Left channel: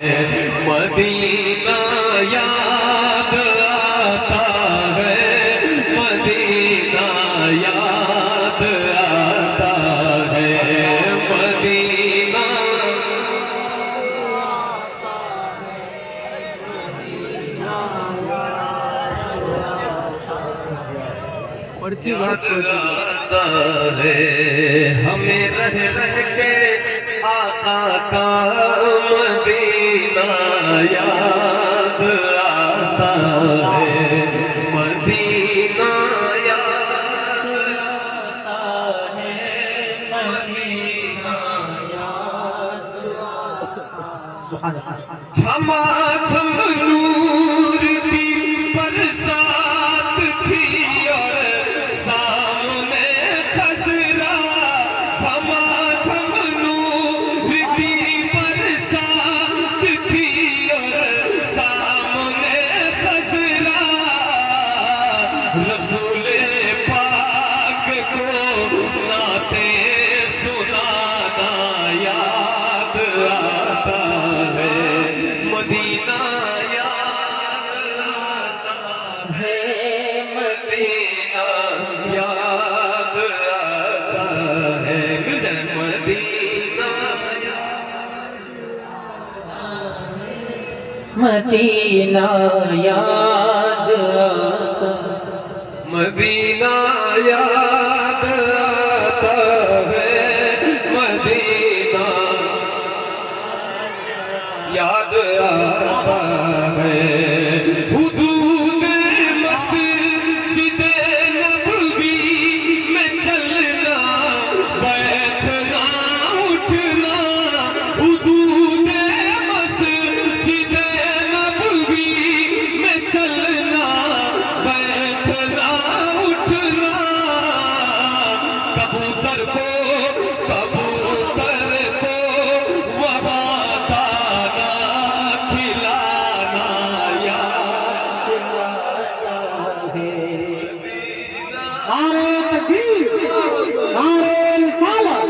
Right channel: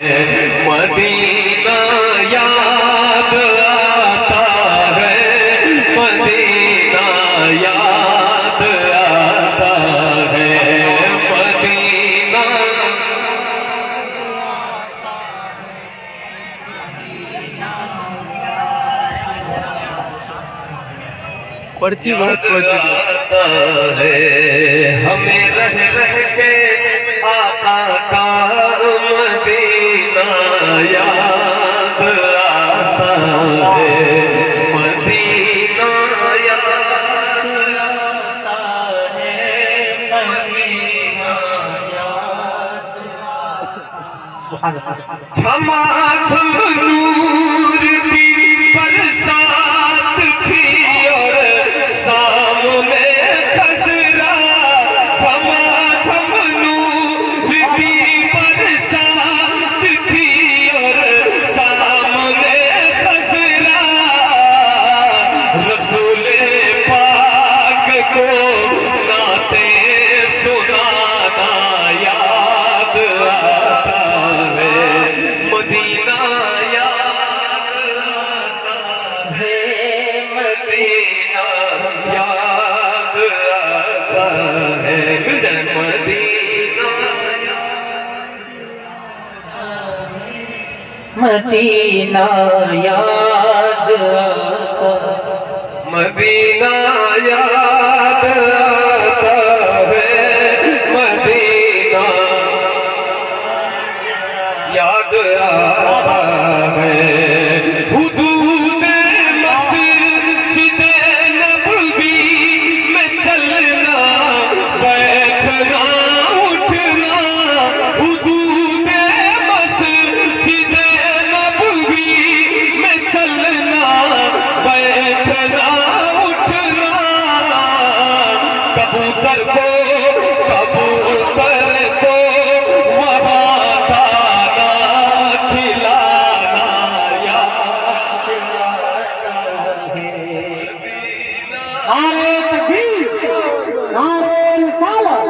Medina याद आता है, मदीना याद आता है, मदीना पर्ची आता है। हमें रह रह के आका का मदीना याद आता है, मदीना याद आता है, मदीना याद छमा छम नूर की बरसात थी और सामने खजरा, छमा छम नूर की बरसात थी और सामने खजरा, रसूले पाक को नाते सुनाना याद आता है, मदीना याद आता है, मदीना याद आता है, मिल जाए मदीना मदीना याद आता, मदीना याद आता है, मदीना याद आता है। हुदूद मस्जिद नबवी में चलना बैठना उठना, हुदूद मस्जिद नबवी में चलना बैठना उठना, कबूतर को वहाँ दाना खिलाना याद आता है। नारे तकबीर, नारे रिसालत,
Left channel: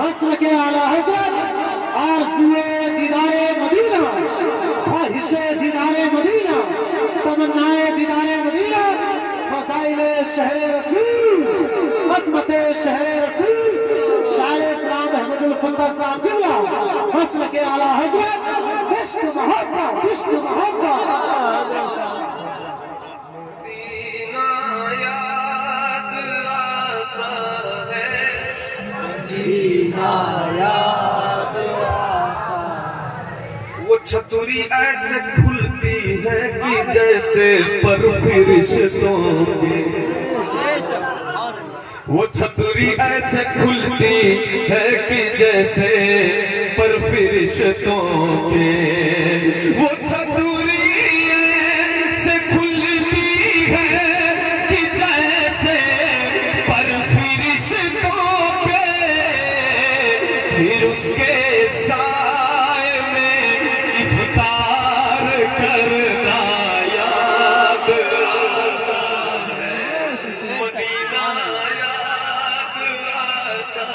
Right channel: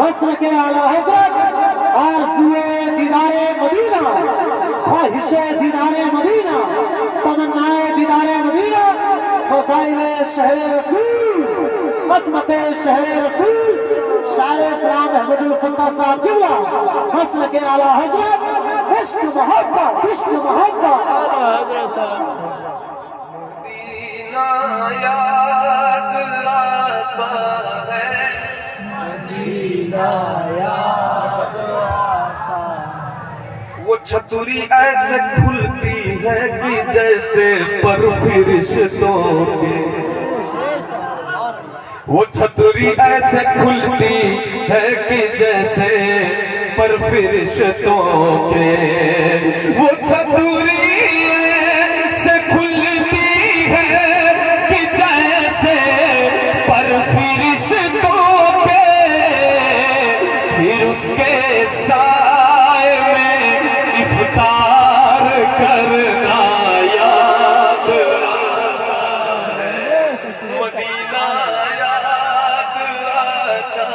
वस्र के आला हज़रत, आरज़ुए दीदारे मदीना, ख्वाहिशे दीदारे मदीना, तमन्नाए दीदारे मदीना, फ़ज़ाइले शहर रसूल, अज़मते शहर रसूल, शायर इस्लाम अहमदुल फ़त्ता साहब क़िबला, वस्र के आला हज़रत, इश्क मोहब्बत, इश्क मोहब्बत। मदीना याद आता है, मदीना याद आता, वो छतुरी ऐसे खुलती है कि जैसे पर फरिश्तों की, वो छतुरी ऐसे खुलती है कि जैसे पर फरिश्तों के, वो छतुरी ऐसे खुलती है कि जैसे पर फरिश्तों के, फिर उसके साए में इफ्तार करना याद आता है, मदीना याद आता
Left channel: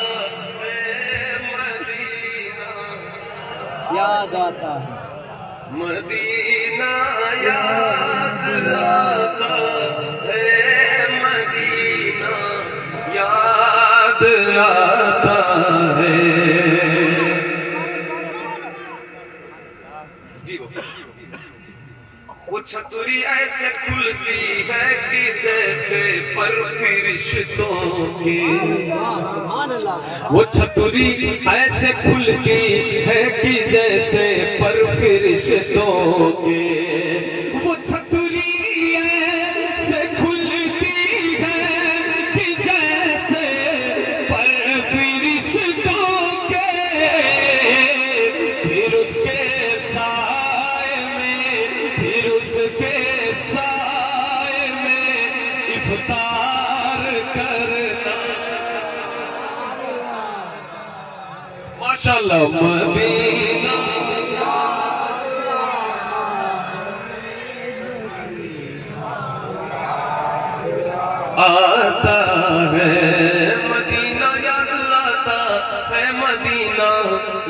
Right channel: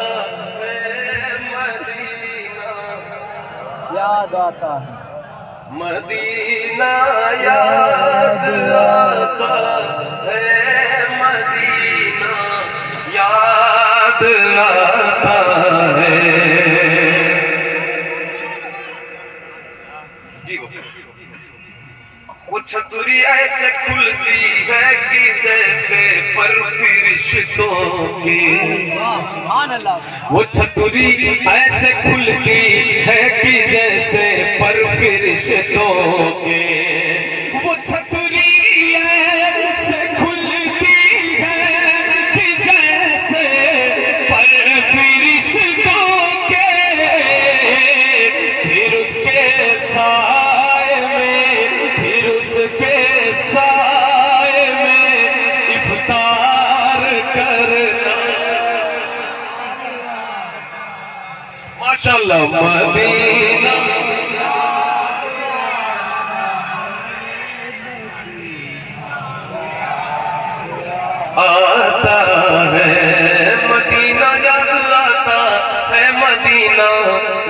है, मदीना याद आता है, मदीना याद आता है, मदीना याद आता है। जी वो छतुरी ऐसे खुलती है कि जैसे पर फरिश्तों की, सुभान अल्लाह, वो छतुरी ऐसे खुलती है कि जैसे पर फरिश्तों के, वो छतुरी ऐसे खुलती है कि जैसे पर फरिश्तों के, फिर उसके साए में, फिर उसके साए में इफ्तार करना माशाअल्लाह, मदीना आता है, मदीना याद आता है, मदीना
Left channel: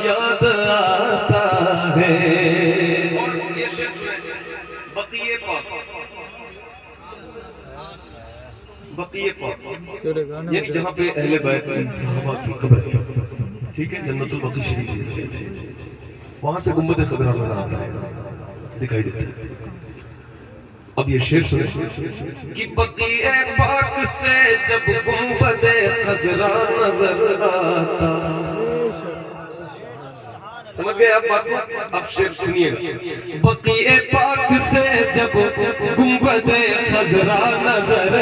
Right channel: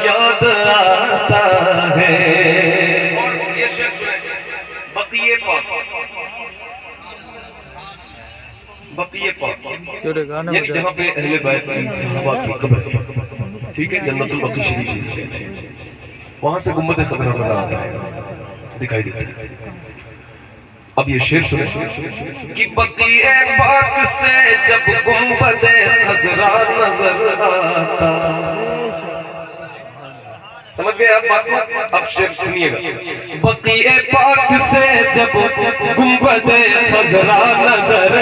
याद आता है। बकिए पाक, बकिए पाक यानी जहाँ पे अहले बैत की सहाबा की कब्र है, ठीक है, जन्नतुल बकी शरीफ जिसे कहते हैं, वहां से गुंबद खजरा नजर आता है, दिखाई देता है। अब ये शेर सुनो कि बकिए पाक से जब गुंबद खजरा नजर आता, समझ गए आप बात को? अब शेर सुनिएगा। बकिए पाक से जब गुंबद खजरा नजर